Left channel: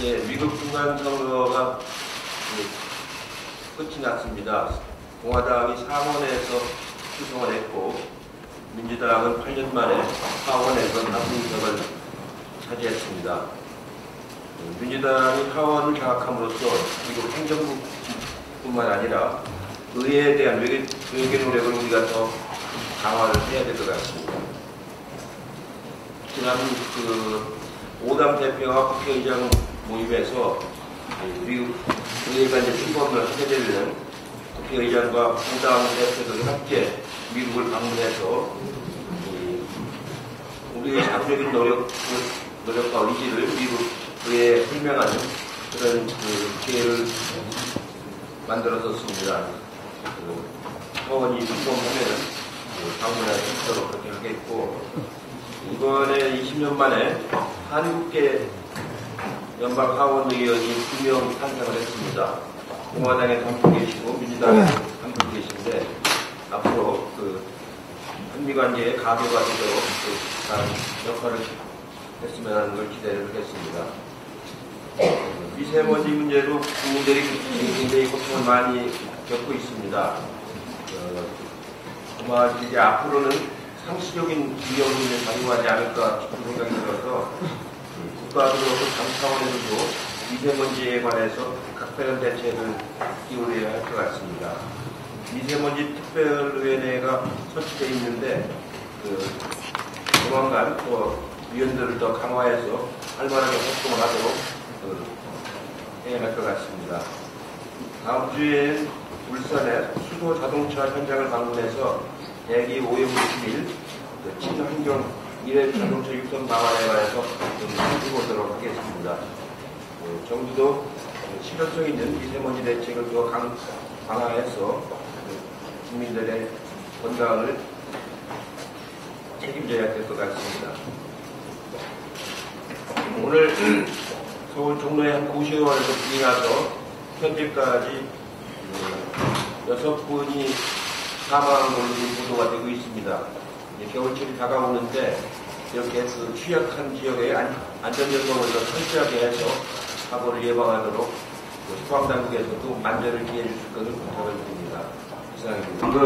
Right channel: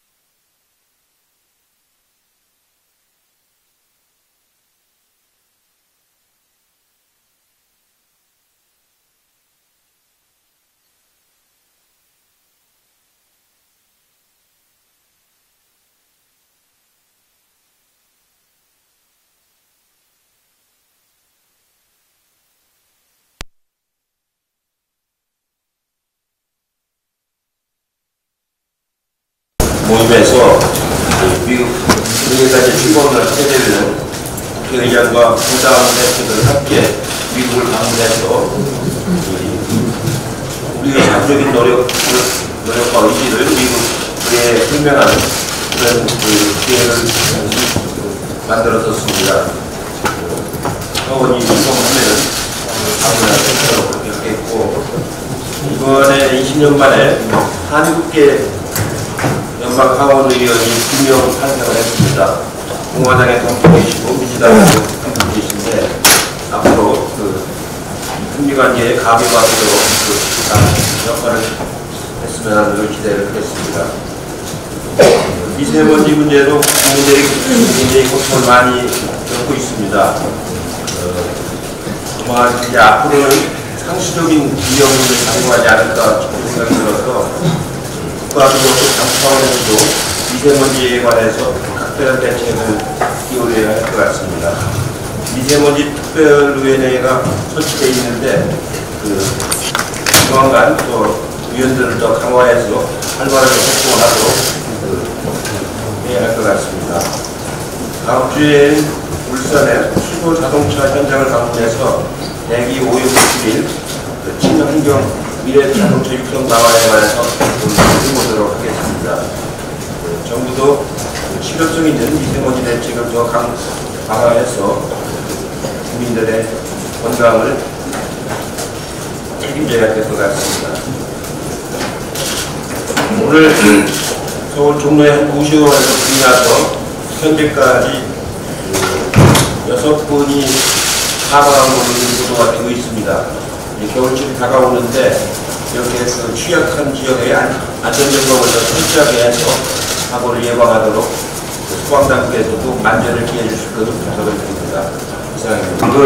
예, 미국 중간선거가 끝이 났습니다. 공화당이 상원에서 수성을 했고 민주당은 8년 만에 하원에서 남승석을 차지했습니다. 민주당이 하원을 장악함으로써 미국 행정부뿐만 아니라 의회에 대한 외교 노력을 우리가 더 강화를 해야 될 것 같습니다. 지난 5당 대표와 국회의장 모임에서 미국 의회까지 출범을 하게 되면 국회의장과 5당 대표들 함께 미국을 방문해서 우리의 자주적인 노력과 의지를 미국에 설명하는 그런 기회를 만들었었습니다. 하원이 이동하면 방문할 대표로 그렇게 했고, 이번에 20년 만에 한국계 연방 하원의원이 2명 탄생을 했습니다. 공화당의 덤프이시고 민주당의 덤프이신데 앞으로 한미관계에 가비가 되도록 역할을 했으면 하는 기대를 하겠습니다. 미세먼지 문제도 국민들이 굉장히 고통을 많이 겪고 있습니다. 아마 이제 앞으로는 상시적인 비용을 가능하지 않을까 싶은 생각이 들어서 국가적으로 당 차원에서도 미세먼지에 관해서 각별한 대책을 기울여야 할 것 같습니다. 미세먼지 특별위원회가 설치되어 있는데 조만간 또 위원들을 더 강화해서 활발하게 활동을 하도록 해야 할 것 같습니다. 다음 주에는 울산의 수도 자동차 현장을 방문해서 대기 오염 물질, 친환경 미래 자동차 육성 방안에 관해서 해보도록 하겠습니다. 정부도 실효성 있는 미세먼지 대책을 더 강화해서 국민들의 건강을 책임져야 될 것 같습니다. 오늘 서울 종로의 한 고시원에서 불이 나서 현재까지 6분이 사망한 보도가 되고 있습니다. 겨울철이 다가오는데 이렇게 취약한 지역에 안전점검을 더 철저하게 해서 사고를 예방하도록 소방당국에서도 만전을 기해 주실 것을 부탁드립니다. 이상입니다. 방금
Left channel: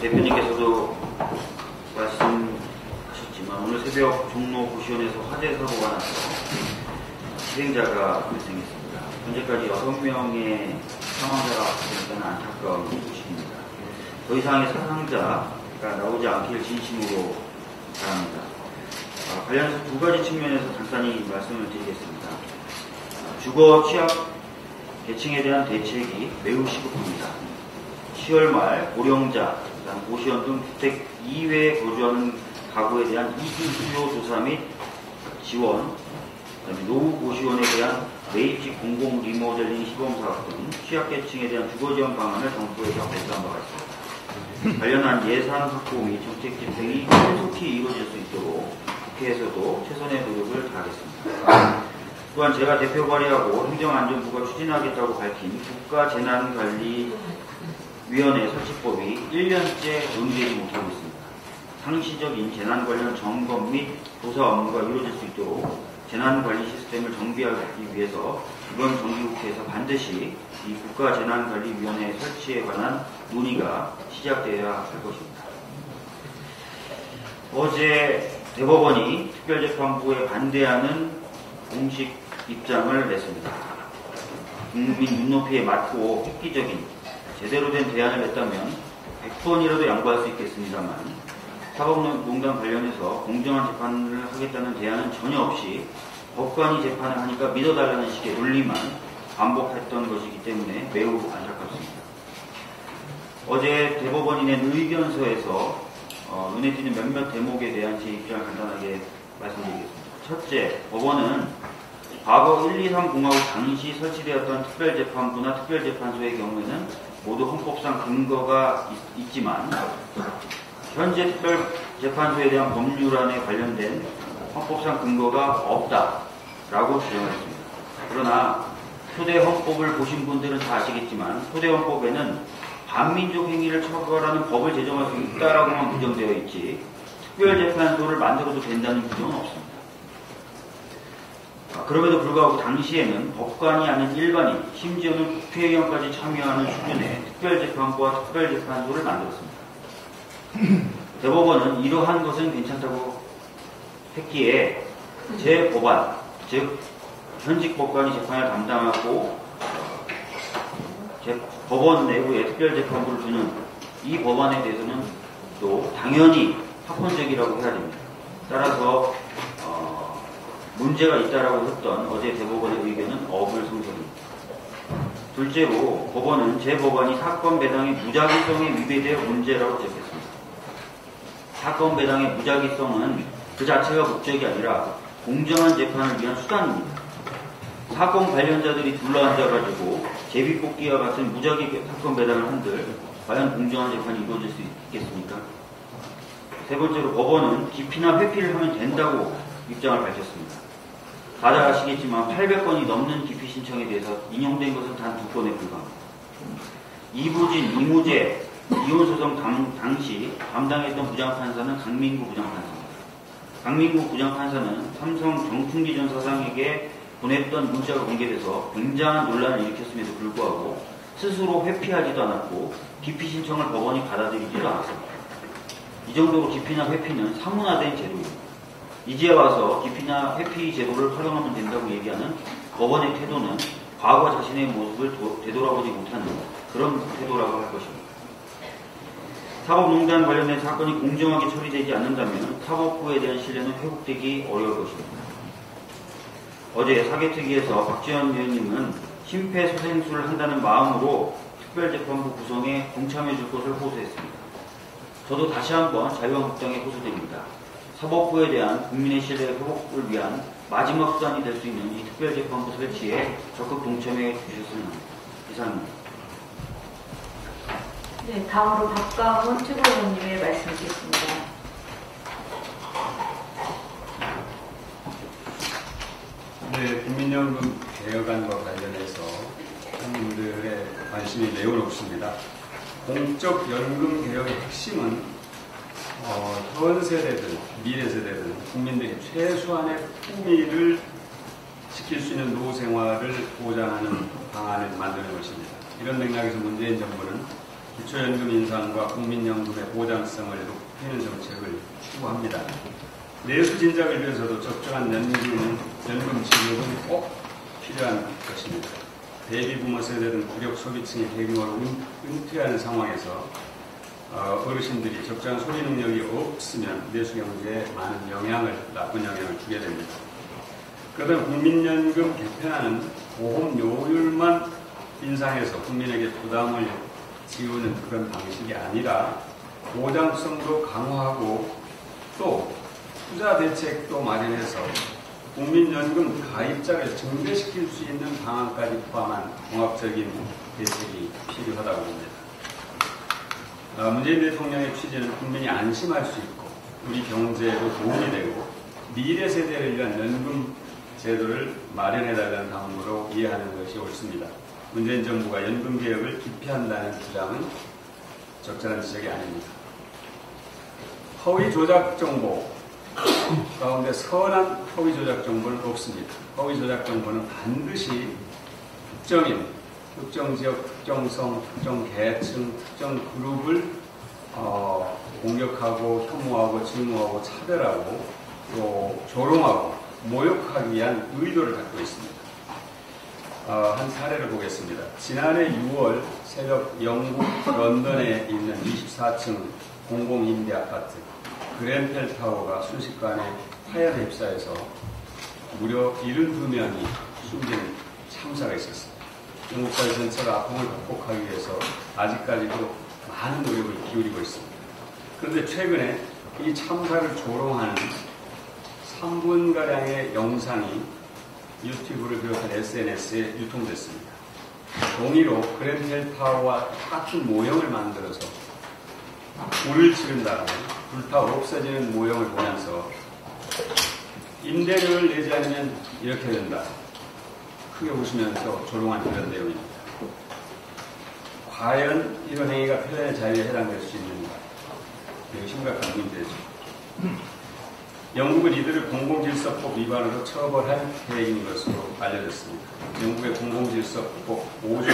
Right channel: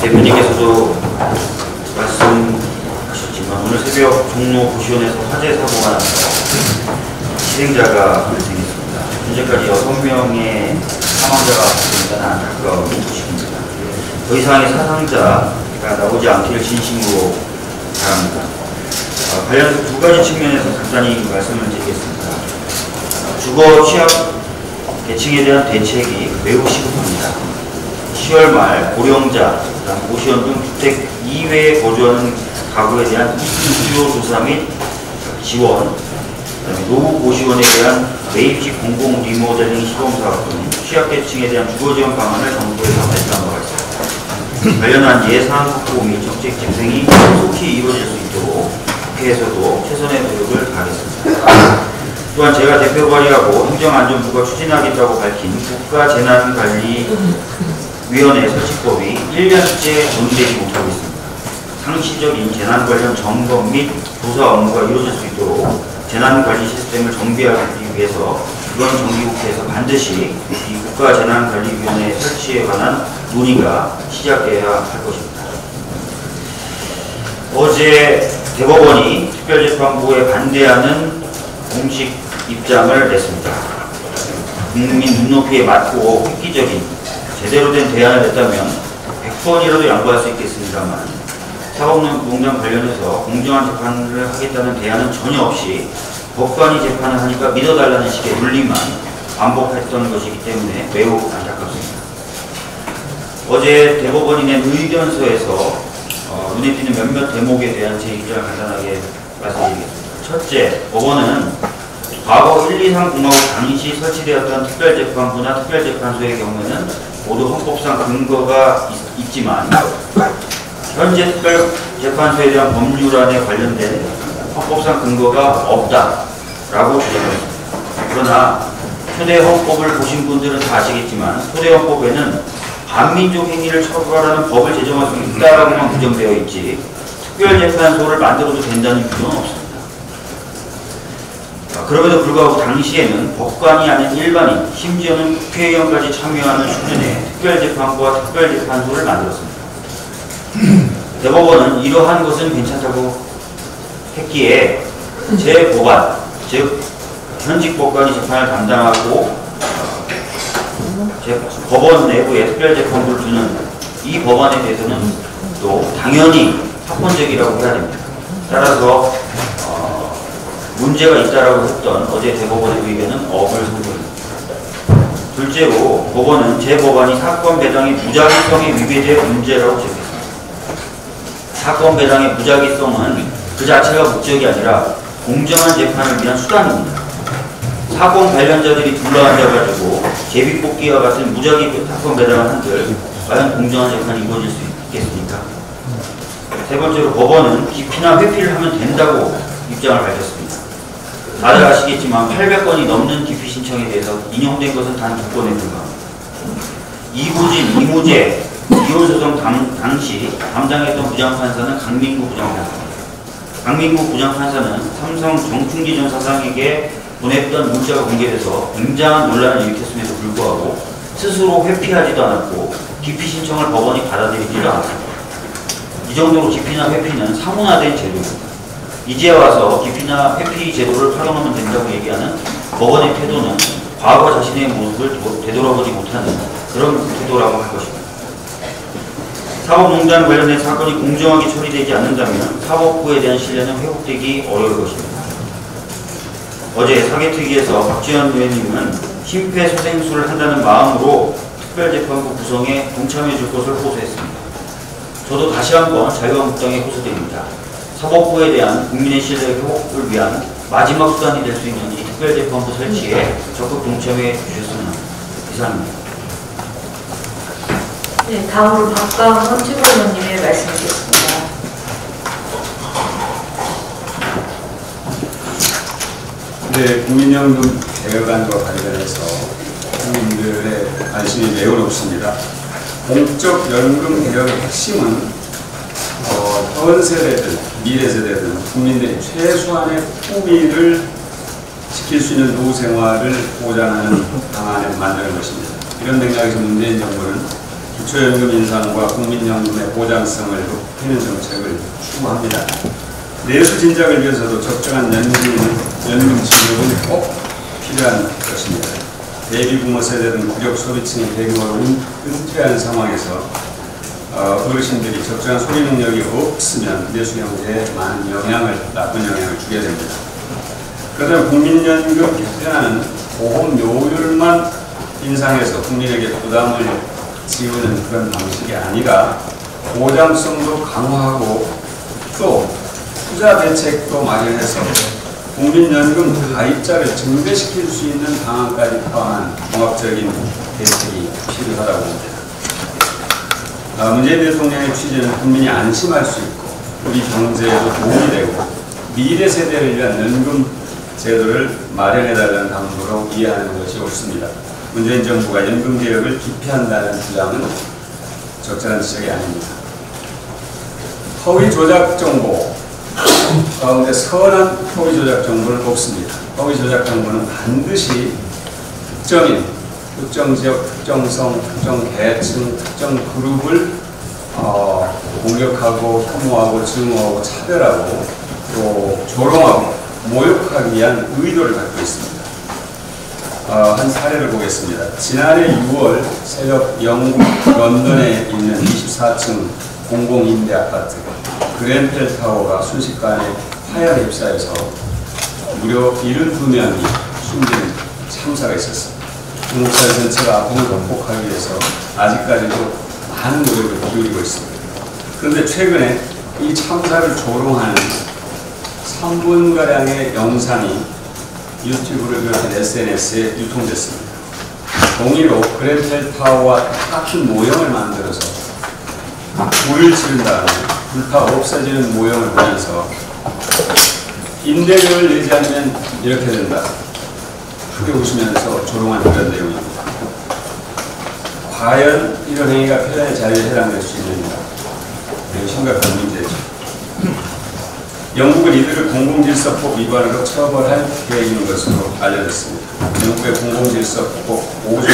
대표님께서도 말씀하셨지만 오늘 새벽 종로 고시원에서 화재 사고가 나서 실행자가 발생했습니다. 현재까지 6명의 사망자가 발생한 안타까운 소식입니다. 더 이상의 사상자가 나오지 않기를 진심으로 바랍니다. 관련 두 가지 측면에서 간단히 말씀을 드리겠습니다. 주거 취약 계층에 대한 대책이 매우 시급합니다. 10월 말 고령자, 고시원 등 주택 이외에 거주하는 가구에 대한 이주 조사 및 지원, 노후 고시원에 대한 매입식 공공 리모델링 시범사업 등 취약계층에 대한 주거지원 방안을 정부에서 발표한 바가 있습니다. 관련한 예산 확보 및 정책 집행이 속히 이루어질 수 있도록 국회에서도 최선의 노력을 다하겠습니다. 또한 제가 대표 발의하고 행정안전부가 추진하겠다고 밝힌 국가재난관리위원회 설치법이 1년째 논의되지 못하고 있습니다. 상시적인 재난 관련 점검 및 조사 업무가 이루어질 수 있도록 재난관리 시스템을 정비하기 위해서 이번 정기국회에서 반드시 이 국가재난관리위원회 설치에 관한 논의가 시작돼야 할 것입니다. 어제 대법원이 특별재판부에 반대하는 공식 입장을 냈습니다. 국민 눈높이에 맞고 획기적인 제대로 된 대안을 냈다면 100번이라도 양보할 수 있겠습니다만 사법농단 관련해서 공정한 재판을 하겠다는 대안은 전혀 없이 법관이 재판을 하니까 믿어달라는 식의 논리만 반복했던 것이기 때문에 매우 안타깝습니다. 어제 대법원이 낸 의견서에서 눈에 띄는 몇몇 대목에 대한 제 입장을 간단하게 말씀드리겠습니다. 첫째, 법원은 과거 1, 2, 3 공화국 당시 설치되었던 특별재판부나 특별재판소의 경우에는 모두 헌법상 근거가 있지만 현재 특별재판소에 대한 법률안에 관련된 헌법상 근거가 없다라고 주장했습니다. 그러나 초대 헌법을 보신 분들은 다 아시겠지만 초대 헌법에는 반민족 행위를 처벌하는 법을 제정할 수 있다라고만 규정되어 있지 특별재판소를 만들어도 된다는 규정은 없습니다. 그럼에도 불구하고 당시에는 법관이 아닌 일반인, 심지어는 국회의원까지 참여하는 수준의 특별재판부와 특별재판소를 만들었습니다. 대법원은 이러한 것은 괜찮다고 했기에 재법안, 즉 현직 법관이 재판을 담당하고 법원 내부에 특별재판부를 두는 이 법안에 대해서는 또 당연히 합헌적이라고 해야 됩니다. 따라서 문제가 있다라고 했던 어제 대법원의 의견은 업을 선고합니다. 둘째로 법원은 재법안이 사건 배당의 무작위성에 위배될 문제라고 제기했습니다. 사건 배당의 무작위성은 그 자체가 목적이 아니라 공정한 재판을 위한 수단입니다. 사건 관련자들이 둘러앉아가지고 제비뽑기와 같은 무작위 사건 배당을 한들 과연 공정한 재판이 이루어질 수 있겠습니까? 세 번째로 법원은 기피나 회피를 하면 된다고 입장을 밝혔습니다. 다들 아시겠지만 800건이 넘는 기피 신청에 대해서 인용된 것은 단 2건에 불과합니다. 이부진, 이무재, 이혼소송 당시 담당했던 부장판사는 강민구 부장판사입니다. 강민구 부장판사는 삼성 정춘기 전 사장에게 보냈던 문자가 공개돼서 굉장한 논란을 일으켰음에도 불구하고 스스로 회피하지도 않았고 기피 신청을 법원이 받아들이지도 않았습니다. 이 정도로 기피나 회피는 사문화된 제도입니다. 이제 와서 기피나 회피 제도를 활용하면 된다고 얘기하는 법원의 태도는 과거 자신의 모습을 되돌아보지 못하는 그런 태도라고 할 것입니다. 사법농단 관련된 사건이 공정하게 처리되지 않는다면 사법부에 대한 신뢰는 회복되기 어려울 것입니다. 어제 사개특위에서 박지원 의원님은 심폐소생술을 한다는 마음으로 특별재판부 구성에 동참해 줄 것을 호소했습니다. 저도 다시 한번 자유한국당에 호소드립니다. 사법부에 대한 국민의 신뢰 회복을 위한 마지막 수단이 될 수 있는 이 특별재판부 설치에 적극 동참해 주셨으면 합니다. 이상입니다. 네, 다음으로 박강원 최고위원님의 말씀 듣겠습니다. 네, 국민연금 개혁안과 관련해서 국민들의 관심이 매우 높습니다. 공적 연금 개혁의 핵심은 현 세대든 미래 세대든 국민들이 최소한의 품위를 지킬 수 있는 노후 생활을 보장하는 방안을 만드는 것입니다. 이런 맥락에서 문재인 정부는 기초연금 인상과 국민연금의 보장성을 높이는 정책을 추구합니다. 내수 진작을 위해서도 적정한 연금 지급은 꼭 필요한 것입니다. 베이비부머 세대등 부족 소비층이 대규모로 은퇴하는 상황에서 어르신들이 적정한 소비 능력이 없으면 내수 경제에 많은 나쁜 영향을 주게 됩니다. 그러다 국민연금 개편안은 보험료율만 인상해서 국민에게 부담을 지우는 그런 방식이 아니라 보장성도 강화하고 또 투자 대책도 마련해서 국민연금 가입자를 증대시킬 수 있는 방안까지 포함한 종합적인 대책이 필요하다고 봅니다. 문재인 대통령의 취지는 국민이 안심할 수 있고 우리 경제에도 도움이 되고 미래 세대를 위한 연금 제도를 마련해달라는 당부로 이해하는 것이 옳습니다. 문재인 정부가 연금 개혁을 기피한다는 주장은 적절한 지적이 아닙니다. 허위 조작 정보 가운데 선한 허위 조작 정보를 뽑습니다. 허위 조작 정보는 반드시 특정인, 특정 지역, 특정성, 특정 계층, 특정 그룹을 공격하고 혐오하고 증오하고 차별하고 또 조롱하고 모욕하기 위한 의도를 갖고 있습니다. 한 사례를 보겠습니다. 지난해 6월 새벽 영국 런던에 있는 24층 공공임대 아파트 그랜펠 타워가 순식간에 화열에 휩싸여서 무려 72명이 숨진 참사가 있었습니다. 중국 사회 전체가 아픔을 극복하기 위해서 아직까지도 많은 노력을 기울이고 있습니다. 그런데 최근에 이 참사를 조롱하는 3분가량의 영상이 유튜브를 비롯한 SNS에 유통됐습니다. 동의로 그랜펠 타워와 똑같은 모형을 만들어서 불을 지른 다음에 불타 없어지는 모형을 보면서 임대료를 내지 않으면 이렇게 된다. 크게 웃으면서 조롱한 그런 내용입니다. 과연 이런 행위가 표현의 자유에 해당될 수 있느냐? 매우 심각한 문제죠. 영국은 이들을 공공질서법 위반으로 처벌할 계획인 것으로 알려졌습니다. 영국의 공공질서법 5조는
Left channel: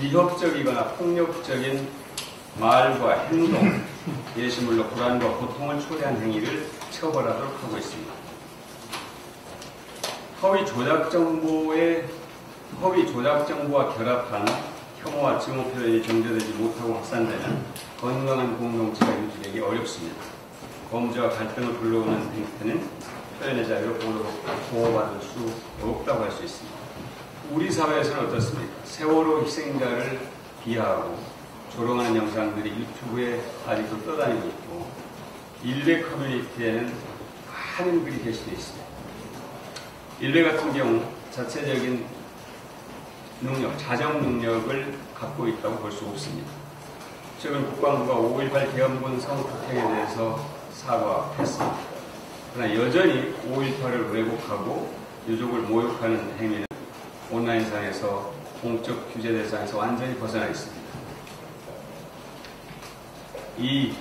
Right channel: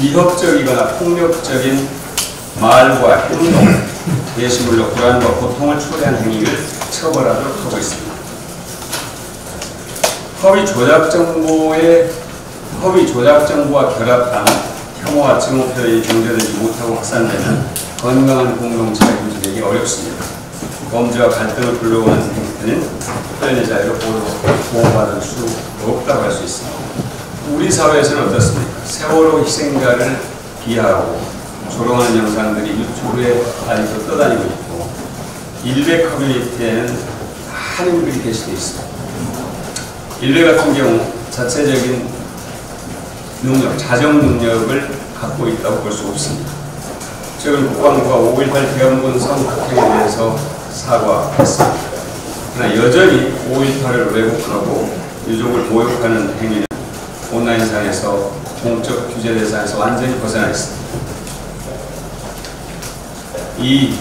위협적이거나 폭력적인 말과 행동, 게시물로 불안과 고통을 초래한 행위를 처벌하도록 하고 있습니다. 허위 조작 정보와 결합한 혐오와 증오 표현이 정제되지 못하고 확산되면 건강한 공동체가 유지되기 어렵습니다. 범죄와 갈등을 불러오는 행태는 표현의 자유로 보호받을 수 없다고 할 수 있습니다. 우리 사회에서는 어떻습니까? 세월호 희생자를 비하하고 조롱하는 영상들이 유튜브에 아직도 떠다니고 있고 일베 커뮤니티에는 많은 글이 게시되어 있습니다. 일베 같은 경우 자체적인 능력, 자정 능력을 갖고 있다고 볼 수 없습니다. 최근 국방부가 5.18 대원군 성폭행에 대해서 사과했습니다. 그러나 여전히 5.18을 왜곡하고 유족을 모욕하는 행위는 온라인상에서 공적 규제 대상에서 완전히 벗어나 있습니다. 이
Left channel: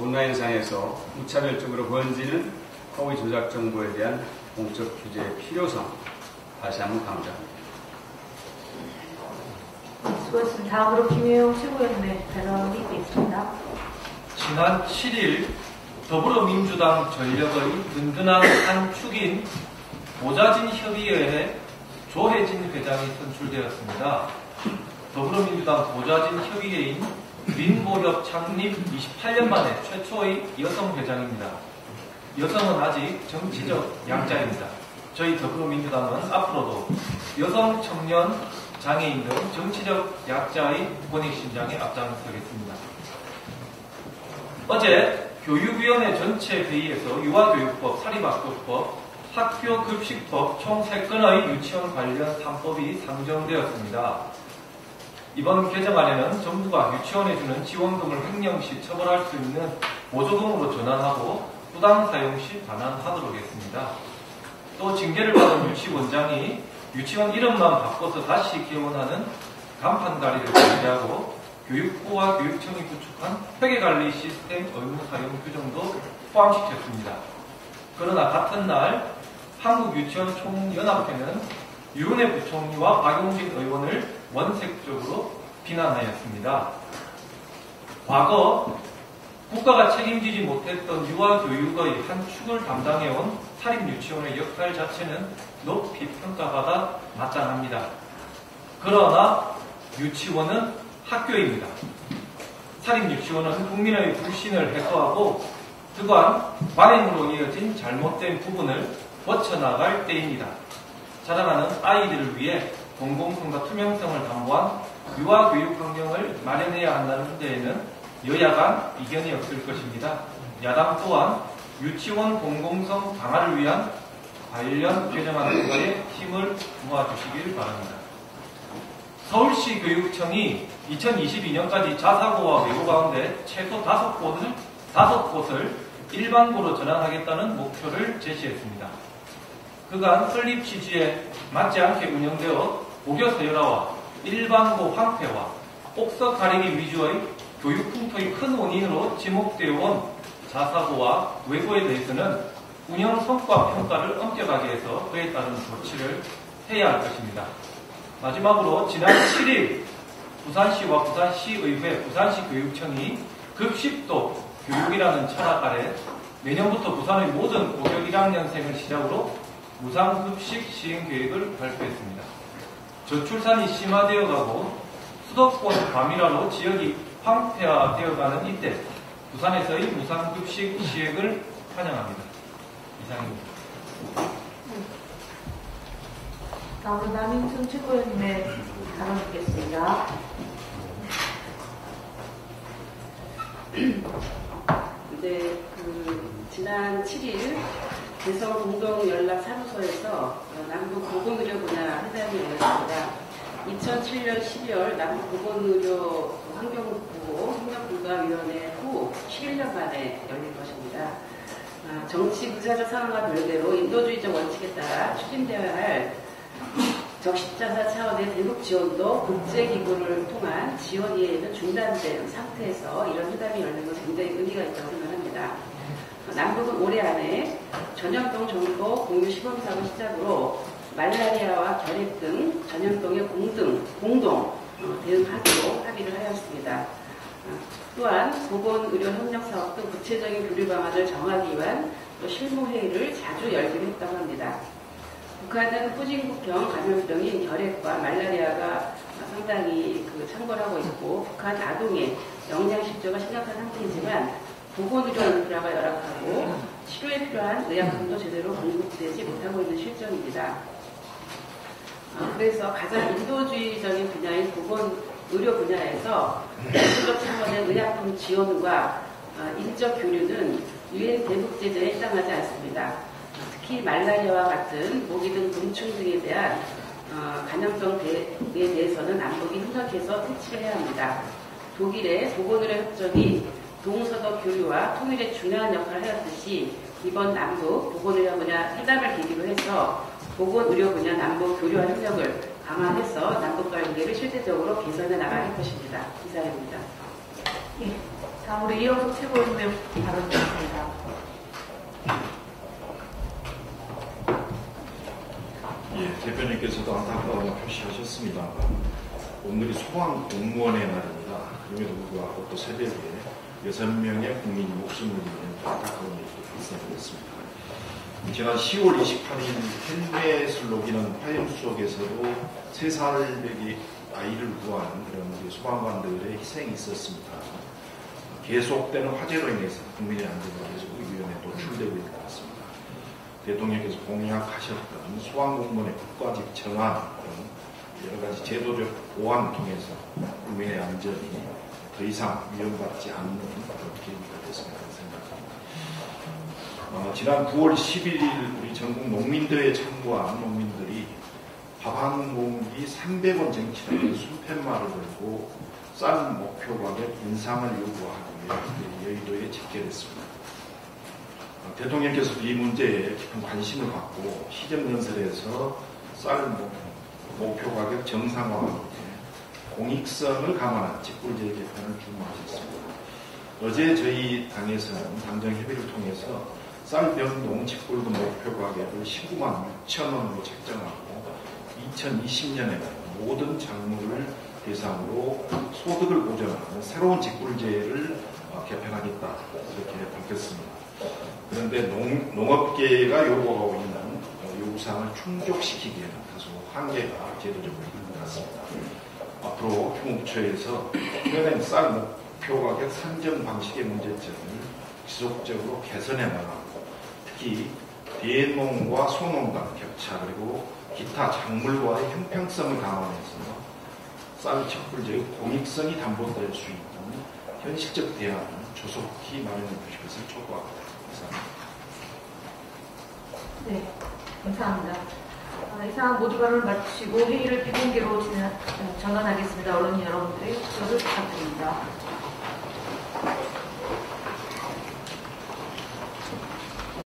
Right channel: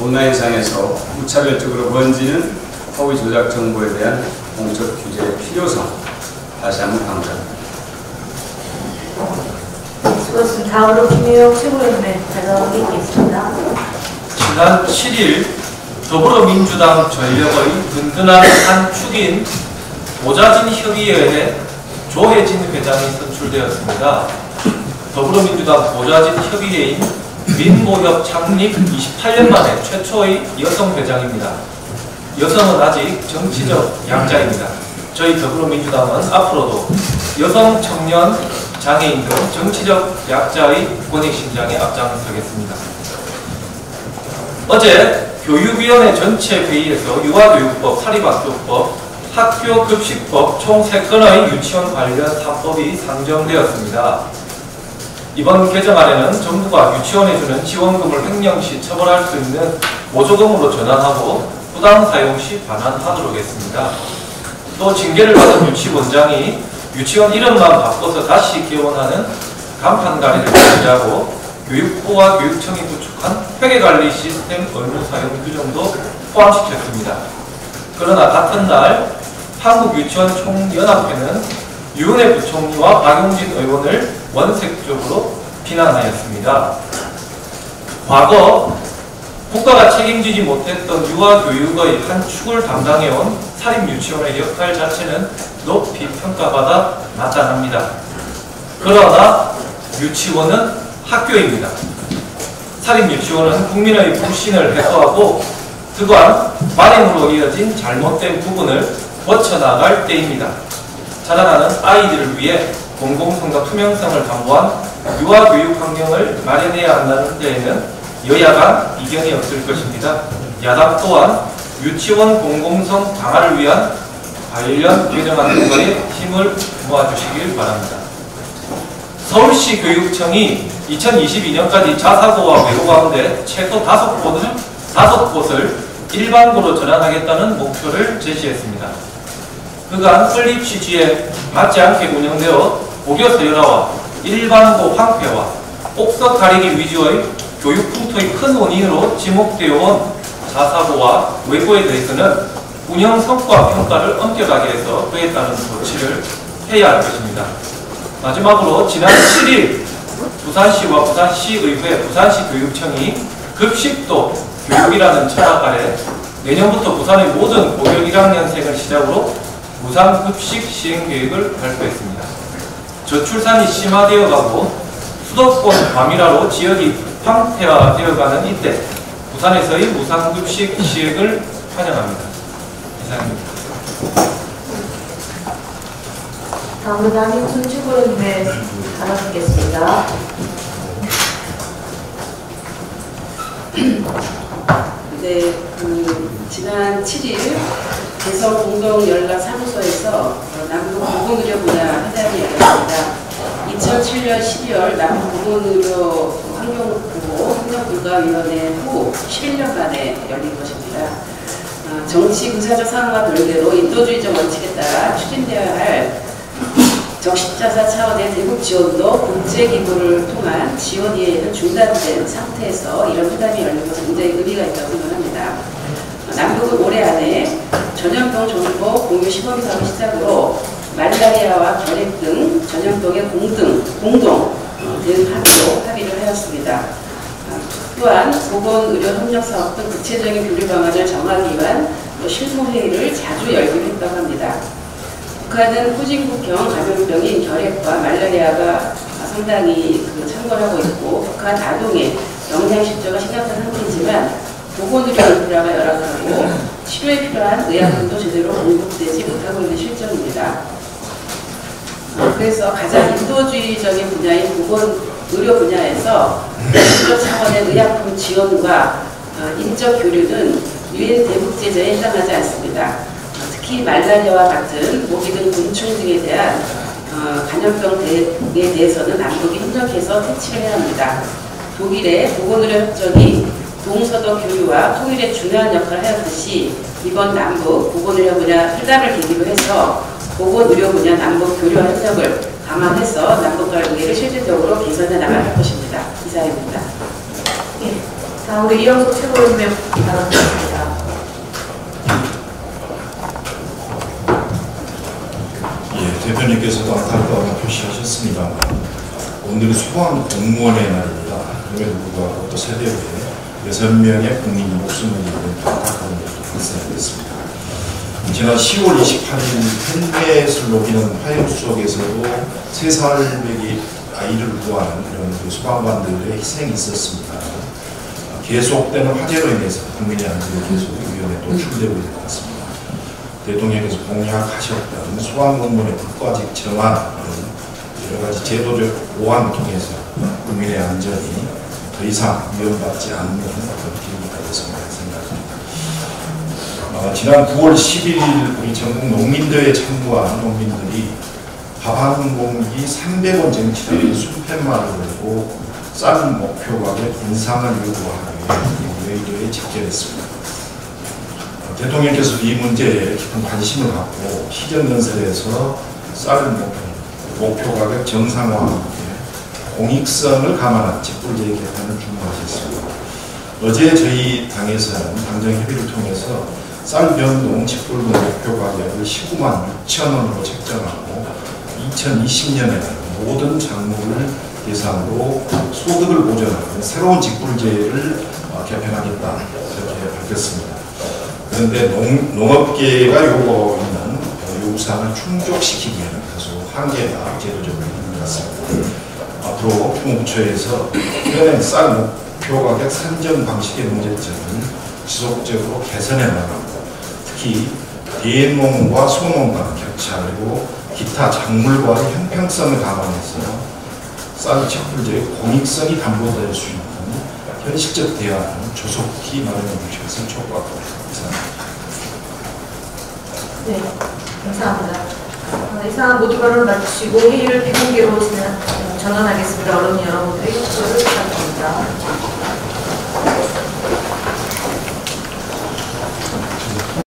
온라인상에서 무차별적으로 번지는 허위 조작 정보에 대한 공적 규제의 필요성 다시 한번 강조합니다. 수고하셨습니다. 다음으로 김혜영 최고위원회 발언이 있겠습니다. 지난 7일 더불어민주당 전력의 든든한 한 축인 보좌진 협의회에 조혜진 회장이 선출되었습니다. 더불어민주당 보좌진 협의회인 민모협 창립 28년 만에 최초의 여성 회장입니다. 여성은 아직 정치적 약자입니다. 저희 더불어민주당은 앞으로도 여성, 청년, 장애인 등 정치적 약자의 권익신장에 앞장서겠습니다. 어제 교육위원회 전체 회의에서 유아교육법, 사립학교법, 학교급식법 총 3건의 유치원 관련 3법이 상정되었습니다. 이번 개정안에는 정부가 유치원에 주는 지원금을 횡령 시 처벌할 수 있는 보조금으로 전환하고 부당 사용 시 반환하도록 했습니다. 또 징계를 받은 유치원장이 유치원 이름만 바꿔서 다시 개원하는 간판가리를 제시하고 교육부와 교육청이 구축한 회계관리 시스템 의무 사용 규정도 포함시켰습니다. 그러나 같은 날 한국유치원총연합회는 유은혜 부총리와 박용진 의원을 원색적으로 비난하였습니다. 과거 국가가 책임지지 못했던 유아교육의 한 축을 담당해온 사립유치원의 역할 자체는 높이 평가받아 나타납니다. 그러나 유치원은 학교입니다. 사립유치원은 국민의 불신을 해소하고 그간 관행으로 이어진 잘못된 부분을 고쳐나갈 때입니다. 자라나는 아이들을 위해 공공성과 투명성을 담보한 유아교육 환경을 마련해야 한다는 데에는 여야 간 이견이 없을 것입니다. 야당 또한 유치원 공공성 강화를 위한 관련 개정안 통과에 힘을 모아주시길 바랍니다. 서울시 교육청이 2022년까지 자사고와 외고 가운데 최소 5곳을 일반고로 전환하겠다는 목표를 제시했습니다. 그간 설립 취지에 맞지 않게 운영되어 고교 서열화와 일반고 황폐화, 옥석 가리기 위주의 교육 풍토의 큰 원인으로 지목되어 온 자사고와 외고에 대해서는 운영 성과 평가를 엄격하게 해서 그에 따른 조치를 해야 할 것입니다. 마지막으로 지난 7일 부산시와 부산시의회, 부산시 교육청이 급식도 교육이라는 철학 아래 내년부터 부산의 모든 고교 1학년생을 시작으로 무상급식 시행계획을 발표했습니다. 저출산이 심화되어 가고 수도권 과밀화로 지역이 황폐화되어가는 이때 부산에서의 무상급식 시행을 환영합니다. 이상입니다. 다음으로 남익순 최고위원회 발언 듣겠습니다. 네, 지난 7일 대성공동연락사무소에서 남북보건의료 분야 회담이 열렸습니다. 2007년 12월 남북보건의료 환경보호협력불가위원회 후 11년 만에 열린 것입니다. 정치 군사적 상황과 별개로 인도주의적 원칙에 따라 추진되어야 할 적십자사 차원의 대북 지원도 국제기구를 통한 지원 이해는 중단된 상태에서 이런 회담이 열린 것은 굉장히 의미가 있다고 생각합니다. 남북은 올해 안에 전염병 정보 공유 시범 사업을 시작으로 말라리아와 결핵 등 전염병의 공동 대응하기로 합의를 하였습니다. 또한 보건의료협력사업 등 구체적인 교류 방안을 정하기 위한 실무회의를 자주 열기로 했다고 합니다. 북한은 후진국형 감염병인 결핵과 말라리아가 상당히 창궐하고 있고 북한 아동의 영양실조가 심각한 상태이지만 보건의료 인프라가 열악하고 치료에 필요한 의약품도 제대로 공급되지 못하고 있는 실정입니다. 그래서 가장 인도주의적인 분야인 보건의료 분야에서 국적 차원의 의약품 지원과 인적 교류는 유엔 대북 제재에 해당하지 않습니다. 특히 말라리아와 같은 모기 등 곤충 등에 대한 감염병에 대해서는 남북이 협력해서 퇴치를 해야 합니다. 독일의 보건의료 협정이 동서독 교류와 통일에 중요한 역할을 하였듯이 이번 남북 보건의료 분야 회담을 계기로 해서 보건의료 분야 남북 교류와 협력을 강화해서 남북 관계를 실질적으로 개선해 나갈 것입니다. 이상입니다. 예, 다음으로 이영석 최고위원님 발언 드리겠습니다. 예, 대표님께서도 안타까움을 표시하셨습니다만 오늘이 소방 공무원의 날입니다. 그럼에도 불구하고 또 세대에 6명의 국민이 목숨을 잃는 안타까운 일도 발생했습니다. 지난 10월 28일 헬멧을 녹이는 화염수속에서도 3살배기 아이를 구하는 그런 소방관들의 희생이 있었습니다. 계속되는 화재로 인해서 국민의 안전이 계속 위험에 노출되고 있는 것 같습니다. 대통령께서 공약하셨던 소방공무원의 국가직 정한 여러 가지 제도적 보완을 통해서 국민의 안전이 더 이상 위험받지 않는 그런 기회가 되었습니다. 생각합니다. 지난 9월 11일 우리 전국 농민대회에 참가한 농민들이 밥 한 공기 300원 정치를 수팻말을 걸고 쌀 목표 가격 인상을 요구하기 위해 외교에 직결했습니다. 대통령께서 이 문제에 깊은 관심을 갖고 시정연설에서 쌀 목표 가격 정상화와 함께 공익성을 감안한 직불제 개편을 주문하셨습니다. 어제 저희 당에서는 당정 협의를 통해서 쌀 변동 직불금 목표 가격을 19만 6천 원으로 책정하고 2020년에는 모든 작물을 대상으로 소득을 보전하는 새로운 직불제를 개편하겠다 이렇게 밝혔습니다. 그런데 농업계가 요구하고 있는 요구사항을 충족시키기에는 다소 한계가 제도적으로 있는 것 같습니다. 앞으로 통부처에서 현행 쌀 목표 가격 산정 방식의 문제점을 지속적으로 개선해 나가고 특히 대농과 소농 간 격차 그리고 기타 작물과의 형평성을 감안해서 쌀 직불제의 공익성이 담보될 수 있는 현실적 대안을 조속히 마련해 주실 것을 촉구하고 있습니다. 네, 감사합니다. 이상 모두 발언을 마치고 회의를 비공개로 전환하겠습니다. 언론 여러분들의 협조를 부탁드립니다.